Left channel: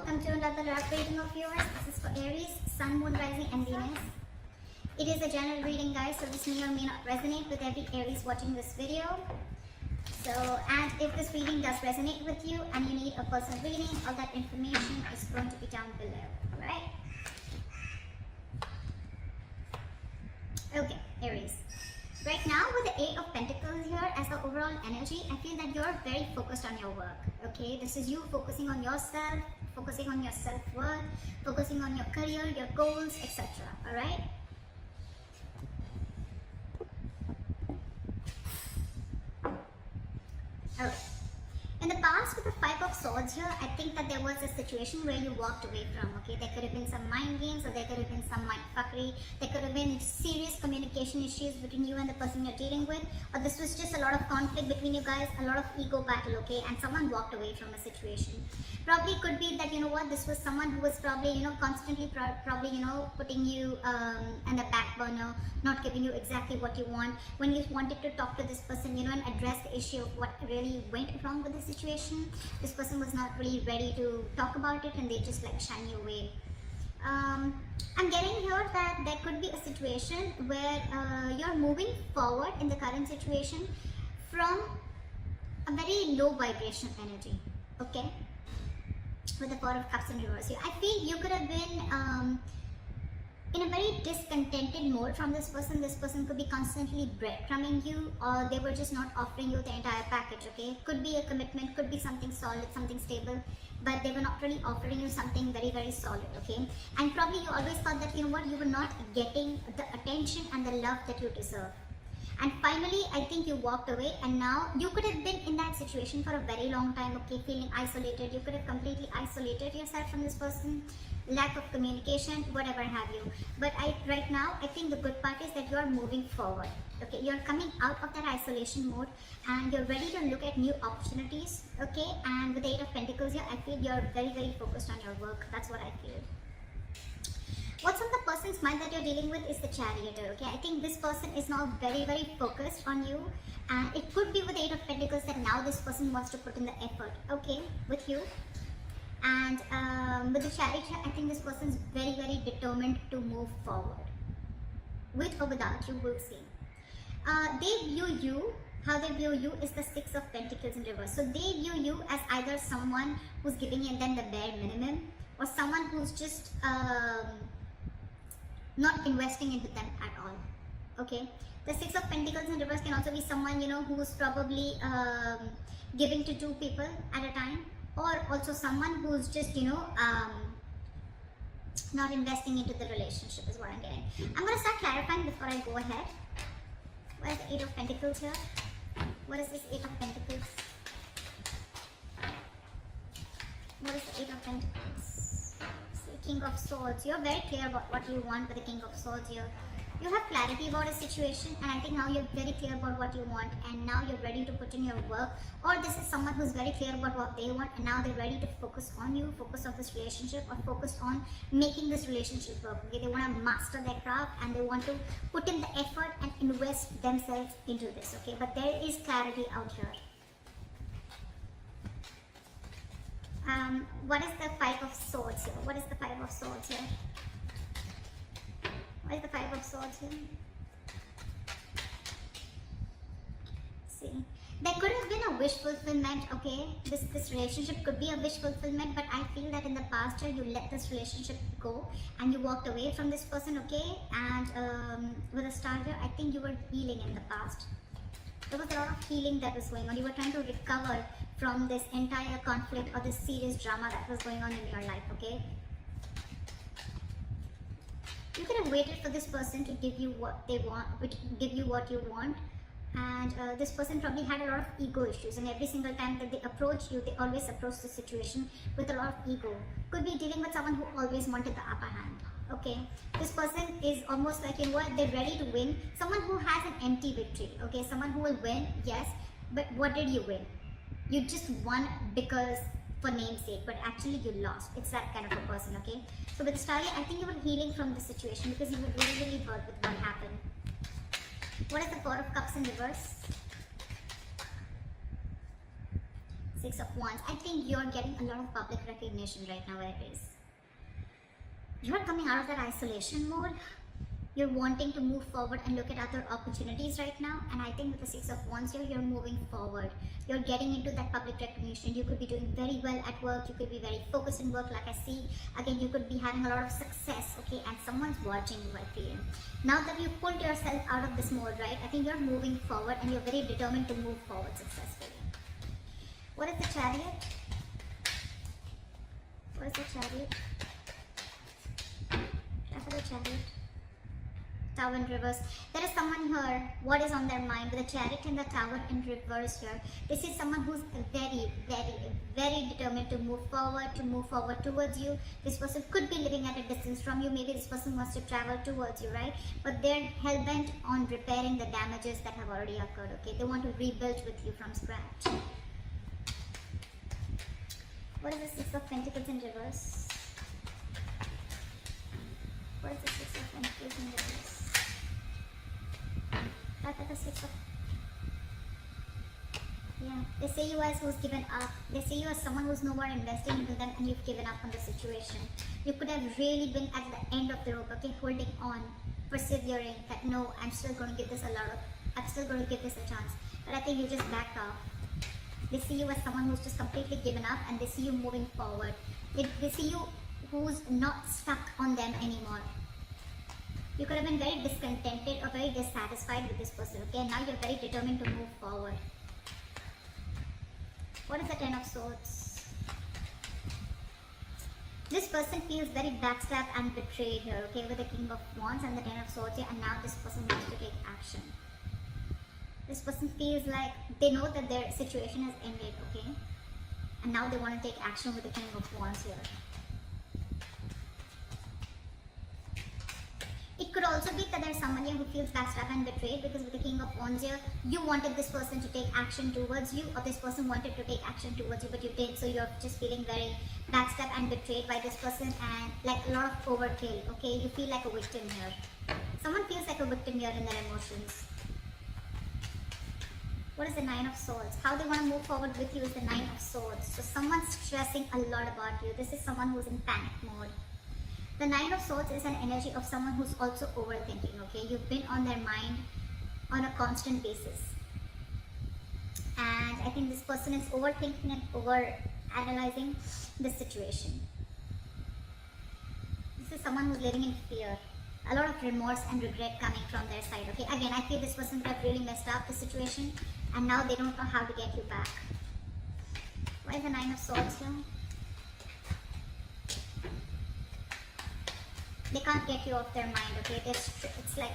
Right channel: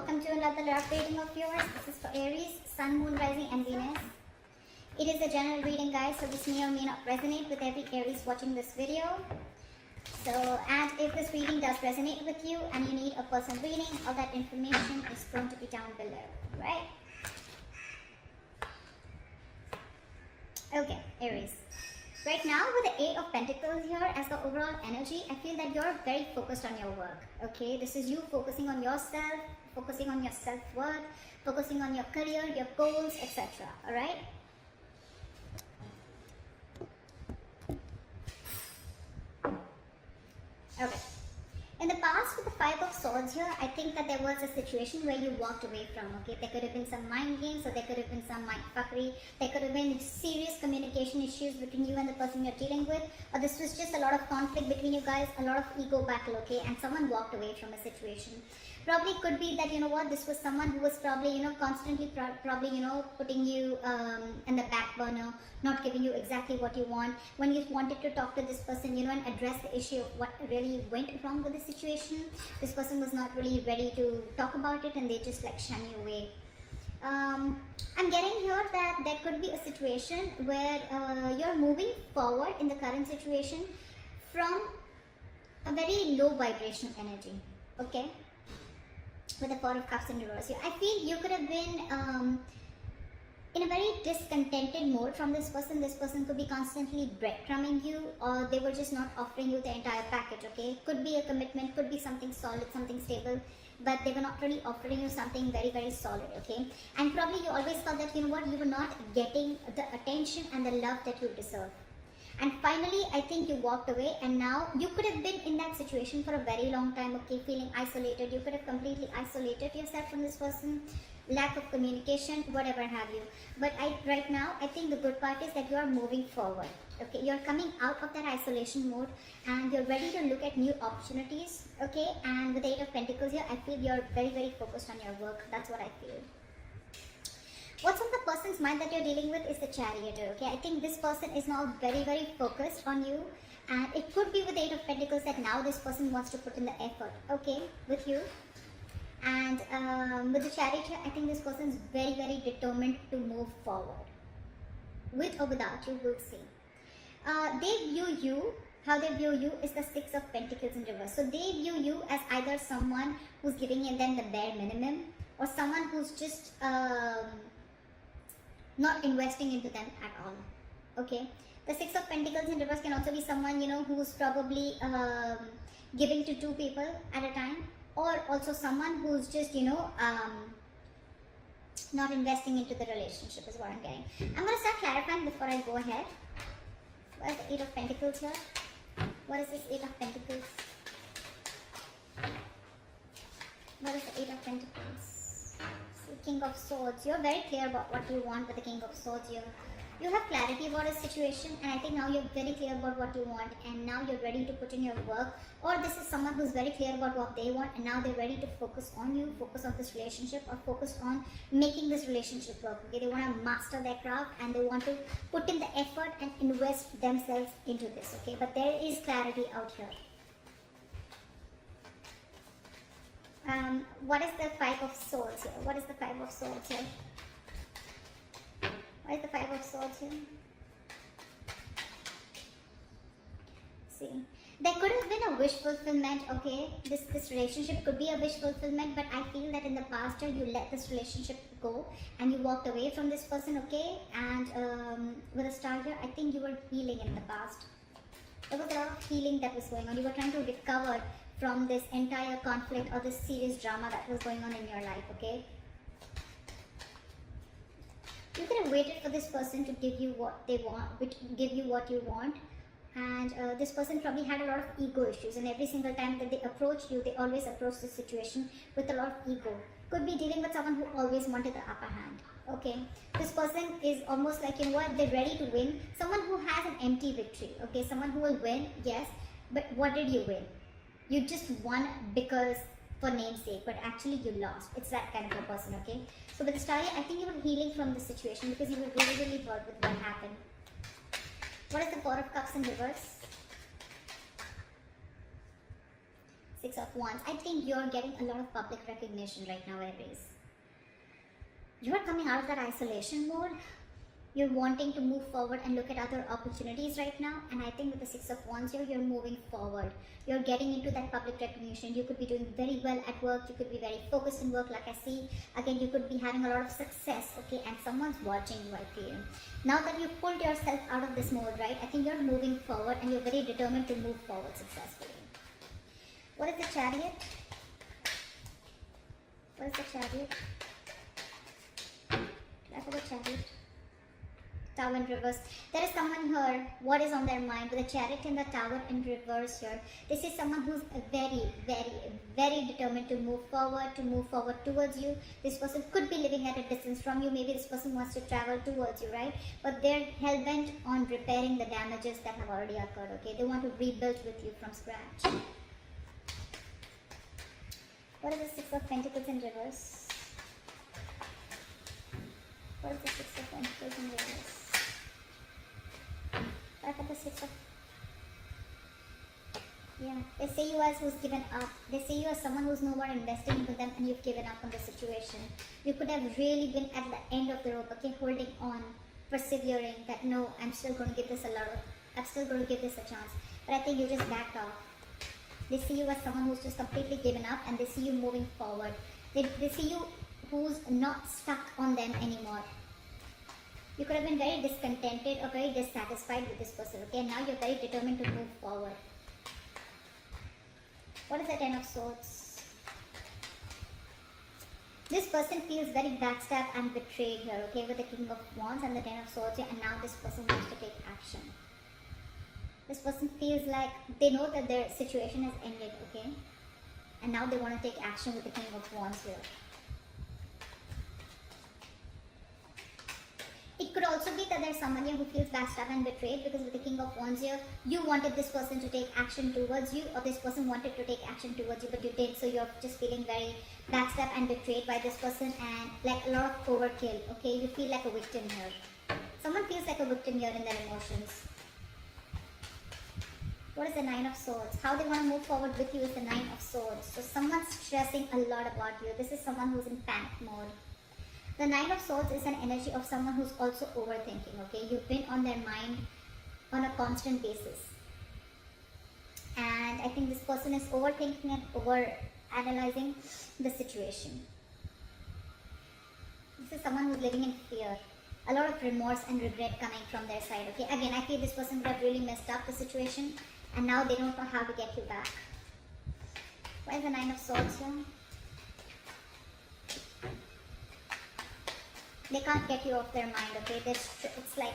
welcome to another love reading of yours. This is for Aries, Sun, Moon, Rising and Venus. It is a general reading, guys, so this may or may not resonate with every Aries watching this video. So, and if this reading does resonate with you and you need a personal reading, all that information is going to be down below, right? Okay, Aries. Right now, with the Eight of Pentacles here as the overall energy, I feel that you're very focused on your work, okay? This is you focusing on yourself, focusing on your self-worth, focusing on your career, your goals, etc. Alright? Alright. In the past, with the Five of Swords here, I think that there was a situation where you walked away from, okay? There could have been some mind games, or there could have been some mind fuckery. There could have been serious communication issues between you and the person you're dealing with, or this was just a lot of conflict between you guys, a lot of ego battle, okay? And someone walked away from a situation. Probably could be that, you know what, this was someone who was probably, you know, constantly probably, you know, putting you in the back burner, not giving you exactly what you want. When you wanted to talk to this person, you know, and address the issue of what really went wrong with the situation, this person was not really ready to talk about it and they just like shun you away. I'm getting here that there could be a situation where you're moving forward in the current situation from a very low vibrational energy, okay? With the Four of Cups in reverse here, I feel you could have been in a very discontented mode from this person. This person could be constantly breadcrumbing you, or they were just not offering you the entire package, okay? Could be a commitment, could be something solid, something stable, but they were not really offering you something very, very solid, okay? And probably you always felt that, you know what, you were not getting the attention and the love that you deserve. And finally, I think you walked away, and now you could have been in that situation for a very long time, okay, feeling isolated. You could have completely isolated yourself from this person, lack of communication, whatever have you. But right now, I think the good part is that you are moving forward, okay? You're coming out of that isolation mode and you're ready to look at new opportunities, okay? And with the Eight of Pentacles here, I feel you're very, very focused on your work. That's what I feel. What's on the person's mind that you're dealing with is the Chariot, okay? I think this person is now very, very focused on you, and it could be with the Eight of Pentacles that now this person wants to put in the effort, okay, with you. And with the Chariot here, I think this person is very, very determined to move forward. With or without you, we'll see. They view you, how they view you is the Six of Pentacles in reverse. So they view you as either someone who's giving them the bare minimum, or someone who's just not investing into them at all, okay? The Six of Pentacles in reverse can also be someone, you know, who's probably giving to two people at a time, or also someone who's just, you know, not investing into the relationship is what I'm getting. I'm going to start clarifying before I go ahead. What is the Eight of Pentacles here? What is this Eight of Pentacles? What is the Eight of Pentacles? King of Swords. You're very clear about what you want with the King of Swords here. You have clarity about a situation, and I think now you're very clear about what you want, and now you're ready to put in your work. Or this is someone who's very clear about what they want, and now they're ready to focus on you, focus on this relationship, or focus on making this relationship work. Okay? They want to master their craft, and they want to put in the effort and invest themselves into this. Okay, but there is clarity out here. What is the Five of Swords here? What is the Five of Swords here? What is the Five of Swords here? See, there could have been a wish fulfillment, okay? This relationship could be a wish fulfillment, but I feel that in the past year you let this relationship go and you walked away from this person, okay? And with the Star here, I think you were healing in the past. There was a lot of healing that was going on. You were trying to recover from this entire conflict or this serious drama that was going on in your life, okay? You could have waited for this person to give you what they want, give you what you want, and this person probably had a lot of ego issues, and every single time that they approach you, they always approach the situation with a lot of ego. Could be dealing with someone who always wanted the upper hand, okay? This person is almost like, you know what, they're ready to win. Someone who has an empty victory, okay? Someone who will win, yes, but what did you win? You just won because for namesake, but actually you lost. It's that kind of a person, okay? So with the Star, I think you were healing from the situation because you were really, really hurt with what happened. What is the Four of Cups in reverse? Six of Wands. I think you're getting a lot of public recognition right now, Aries. You are coming out of that isolation mode. You're wanting to move forward and look at other opportunities right now. And I think with the Six of Wands here, you're moving forward. You're getting into that public recognition. You could be doing very well at work. You could be very focused in work, like I see. Again, you could be having a lot of success, okay? And someone's watching you, I feel. Now that you've pulled yourself out of this mode, right? I think you're moving forward and you're very determined to move forward successfully. What is the Chariot? What is the Chariot? I forgot Chariot. Tower in reverse. There is someone here. What is on their mind? With the Chariot and the Tower in reverse here. This is someone who's very, very, very determined to move forward towards you. This person could be living at a distance from you. Maybe this person wants to travel towards you, right? But they're hell-bent on repairing the damages that have already occurred, okay? They want to rebuild with you from scratch. What is the Six of Pentacles in reverse? What is the Six of Pentacles in reverse? Back at the Six of... Yeah, they say you as who's given up. They say you as someone who's no more investing into them and you've given up on the situation. You could have really been at the end of the rope, okay, holding on, persevering, that no, I'm still going to give this a chance. But I think you just backed off. They see you as someone who's just completely given up and they see you moving forward. They see you who's not stuck on them anymore. You could have been very discontented or very dissatisfied with this person, okay? Now you're very determined to move forward. What is the Ten of Swords? This person feels very backstabbed and betrayed here, okay? With the King of Wands and the Ten of Swords here, and now this person wants to take action. This person feels like they know that their situation has ended, okay? And now they want to take action with the King of Wands here. It could also be that there's someone here who feels backstabbed and betrayed, because with the King of Wands here, you wanted this person to take action towards you, or this person wanted to take action towards you, but you did, so you're just feeling very backstabbed and betrayed by this person, and like a lot of overkill, okay? You feel like a victim here. Someone feels like a victim here in their emotions. What is the Nine of Swords? How they want to move forward with you is the Nine of Swords. So someone's stressing a lot about you. This is someone who's in panic mode. The Nine of Swords is an energy of someone who's also overthinking, okay? You've been on their mind on a constant basis. And I think this person is overthinking and over-analyzing the situation. This is someone who's living in fear. A lot of remorse and regret coming from their side, okay? Again, I feel this person would have really messed up the situation, and now they don't know how to get you back. Why is the Nine of Swords here? They can't get you off their mind, okay? It's like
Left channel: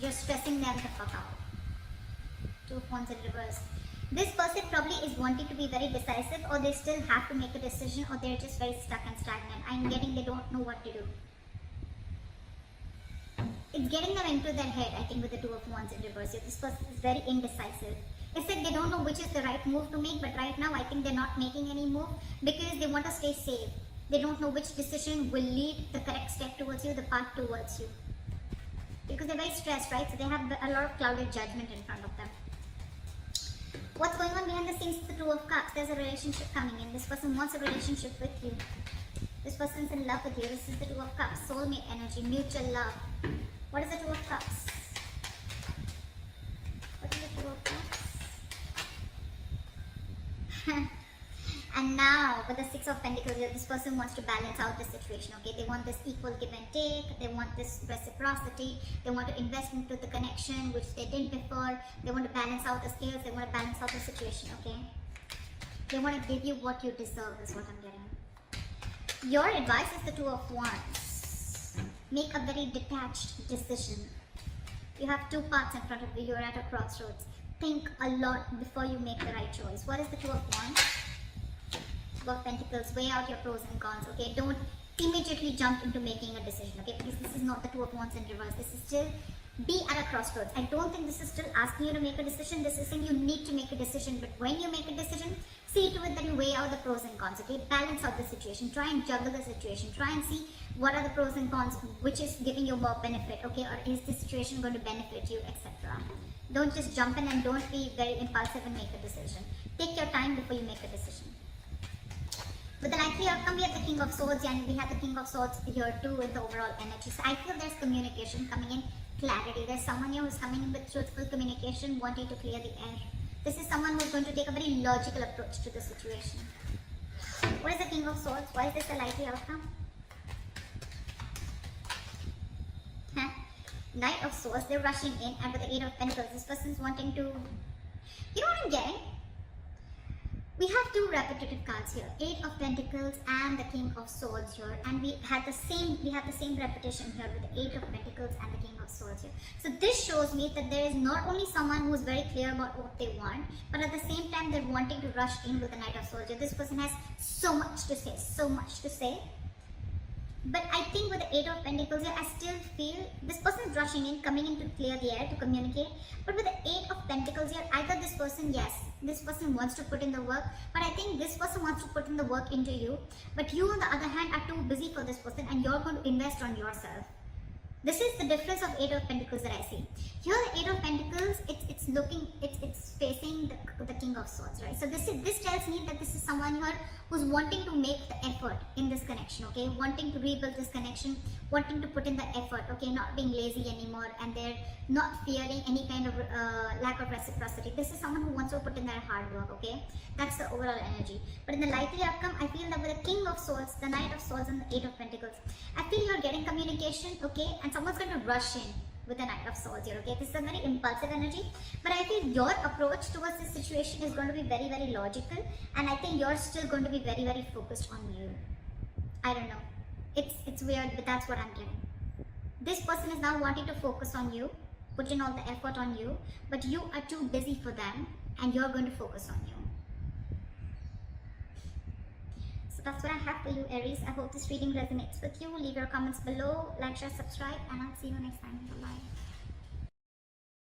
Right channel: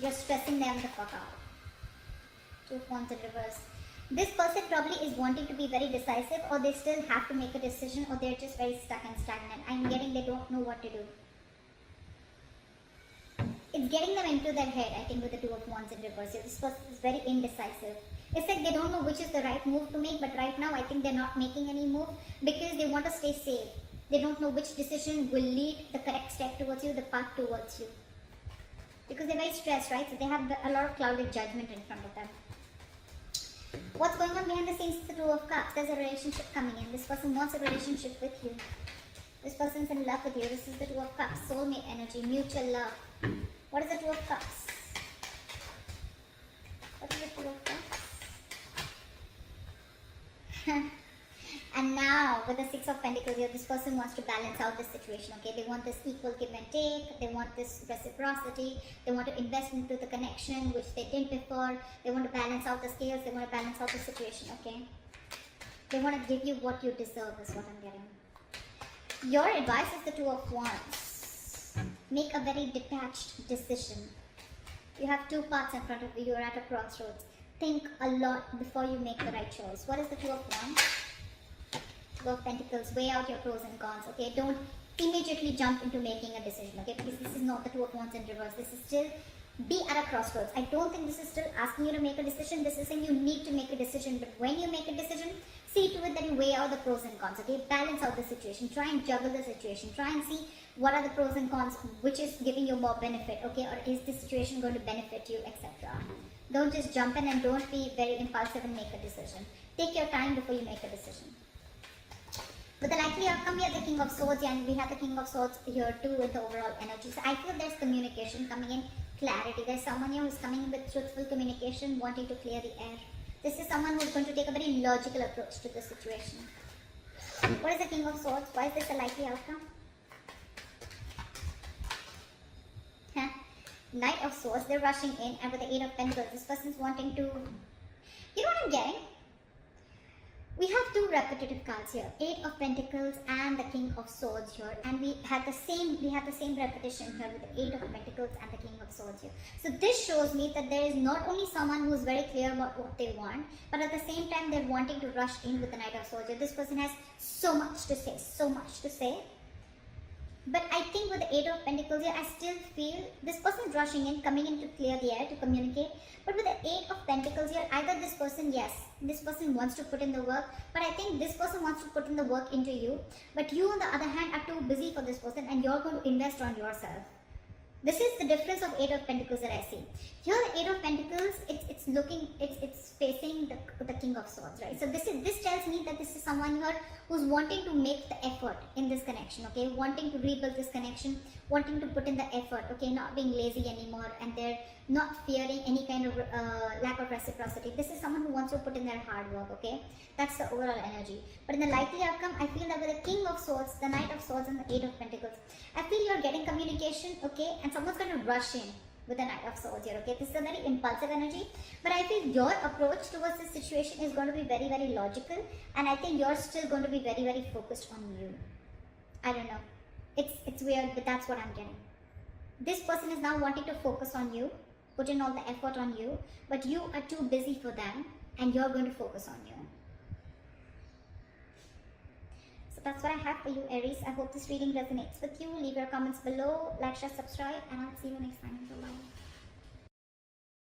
you're stressing them the fuck out. Two of Wands in reverse. This person probably is wanting to be very decisive, or they still have to make a decision, or they're just very stuck and stagnant. I'm getting they don't know what to do. It's getting them into their head, I think, with the Two of Wands in reverse. This person is very indecisive. It's like they don't know which is the right move to make, but right now I think they're not making any move because they want to stay safe. They don't know which decision will lead the correct step towards you, the path towards you. Because they're very stressed, right? So they have a lot of clouded judgment in front of them. What's going on behind the scenes is the Two of Cups. There's a relationship coming in. This person wants a relationship with you. This person's in love with you. This is the Two of Cups. Soulmate energy, mutual love. What is the Two of Cups? What is the Two of Cups? And now, with the Six of Pentacles here, this person wants to balance out the situation, okay? They want this equal give and take. They want this reciprocity. They want to invest into the connection, which they did before. They want to balance out the scales. They want to balance out the situation, okay? They want to give you what you deserve, is what I'm getting. Your advice is the Two of Wands. Make a very detached decision. You have two paths in front of you. You're at a crossroads. Think a lot before you make the right choice. What is the Two of Wands? Two of Pentacles. Weigh out your pros and cons, okay? Don't immediately jump into making a decision, okay? Because this is not the Two of Wands in reverse. This is still be at a crossroads. I don't think this is still asking you to make a decision. This is saying you need to make a decision. But when you make a decision, see to it that you weigh out the pros and cons, okay? Balance out the situation. Try and juggle the situation. Try and see what are the pros and cons, which is giving you more benefit, okay? Or is this situation going to benefit you, etc. Don't just jump in and don't be very impulsive and make a decision. Take your time before you make a decision. With the likely outcome, we have the King of Swords, and we have the King of Swords here too in the overall energy. So I feel there's communication coming in, clarity. There's someone here who's coming in with truthful communication, wanting to clear the air. This is someone who's going to take a very logical approach to the situation. What is the King of Swords? Why is this a likely outcome? Knight of Swords, they're rushing in, and with the Eight of Pentacles, this person's wanting to, you know what I'm getting? We have two repetitive cards here, Eight of Pentacles and the King of Swords here, and we have the same repetition here with the Eight of Pentacles and the King of Swords here. So this shows me that there is not only someone who is very clear about what they want, but at the same time they're wanting to rush in with the Knight of Swords here. This person has so much to say, so much to say. But I think with the Eight of Pentacles here, I still feel this person is rushing in, coming in to clear the air, to communicate. But with the Eight of Pentacles here, either this person, yes, this person wants to put in the work, but I think this person wants to put in the work into you. But you, on the other hand, are too busy for this person, and you're going to invest on yourself. This is the difference of Eight of Pentacles that I see. Here, the Eight of Pentacles, it's facing the King of Swords, right? So this tells me that this is someone here who's wanting to make the effort in this connection, okay? Wanting to rebuild this connection, wanting to put in the effort, okay? Not being lazy anymore, and they're not fearing any kind of lack of reciprocity. This is someone who wants to put in their hard work, okay? That's the overall energy. But in the likely outcome, I feel that with the King of Swords, the Knight of Swords, and the Eight of Pentacles, I feel you're getting communication, okay? And someone's going to rush in with the Knight of Swords here, okay? This is a very impulsive energy, but I feel your approach towards this situation is going to be very, very logical, and I think you're still going to be very, very focused on you. I don't know. It's weird, but that's what I'm getting. This person is now wanting to focus on you, put in all the effort on you, but you are too busy for them, and you're going to focus on you. So that's what I have for you, Aries. I hope this reading resonates with you. Leave your comments below, like, share, subscribe, and I'll see you next time. Bye-bye.